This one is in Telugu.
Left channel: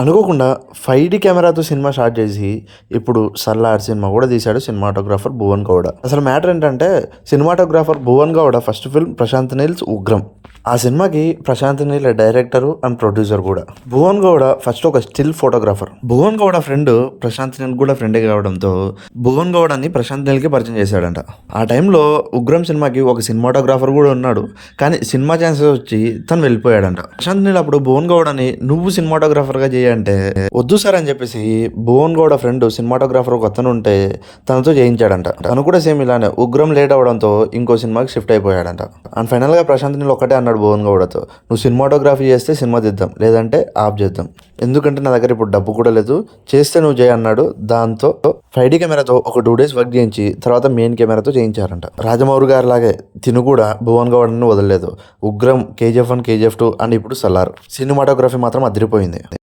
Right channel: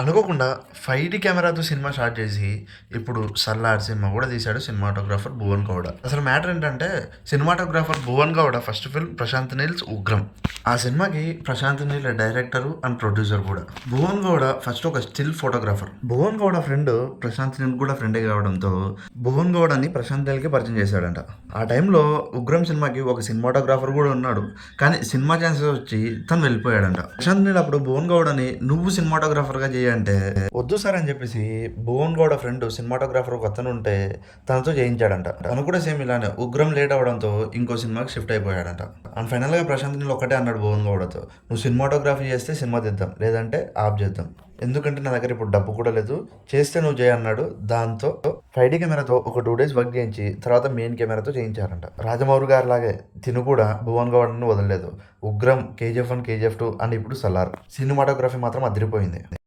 అనుకోకుండా 5D కెమెరాతో సినిమా స్టార్ట్ చేసి, ఇప్పుడు 'సల్లార్' సినిమా కూడా తీశాడు సినిమాటోగ్రాఫర్ భువన్ గౌడ. అసలు మ్యాటర్ ఏంటంటే, cinematographer Bhuvan Gowda first film 'Prashanth Neel's Ugramm'. ఆ సినిమాకి Prashanth Neel director and producer కూడా. భువన్ గౌడ ఫస్ట్ ఒక still photographer. Bhuvan Gowda friend Prashanth Neel కూడా ఫ్రెండే కావడంతో భువన్ గౌడని ప్రశాంత్ నీల్కి పరిచయం చేశాడంట. ఆ టైంలో 'ఉగ్రం' సినిమాకి ఒక సినిమాటోగ్రాఫర్ కూడా ఉన్నాడు. కానీ సినిమా ఛాన్సెస్ వచ్చి తను వెళ్ళిపోయాడంట. ప్రశాంత్ నీల్ అప్పుడు భువన్ గౌడని నువ్వు సినిమాటోగ్రాఫర్గా అంటే వద్దు సార్ అని చెప్పేసి భువన్ గౌడ ఫ్రెండ్ సినిమాటోగ్రాఫర్ ఒక అతను ఉంటే తనతో చేయించాడంట. తను కూడా సేమ్ ఇలానే ఉగ్రం లేట్ అవడంతో ఇంకో సినిమాకి షిఫ్ట్ అయిపోయాడంట. అండ్ ఫైనల్ గా ప్రశాంత్ నీల్ ఒక్కటే అన్నాడు భువన్ గౌడతో, నువ్వు సినిమాటోగ్రఫీ చేస్తే సినిమా తీద్దాం, లేదంటే ఆఫ్ చేద్దాం, ఎందుకంటే నా దగ్గర ఇప్పుడు డబ్బు కూడా లేదు, చేస్తే నువ్వు చేయి అన్నాడు. దాంతో 5D కెమెరాతో ఒక 2 days వర్క్ చేయించి తర్వాత మెయిన్ కెమెరాతో చేయించారంట. రాజమౌళి గారి లాగే తిను కూడా భువన్ గౌడని వదలలేదు. ఉగ్రం, KGF 1, KGF 2 అండ్ ఇప్పుడు 'సలార్' సినిమాటోగ్రఫీ మాత్రం అదిరిపోయింది.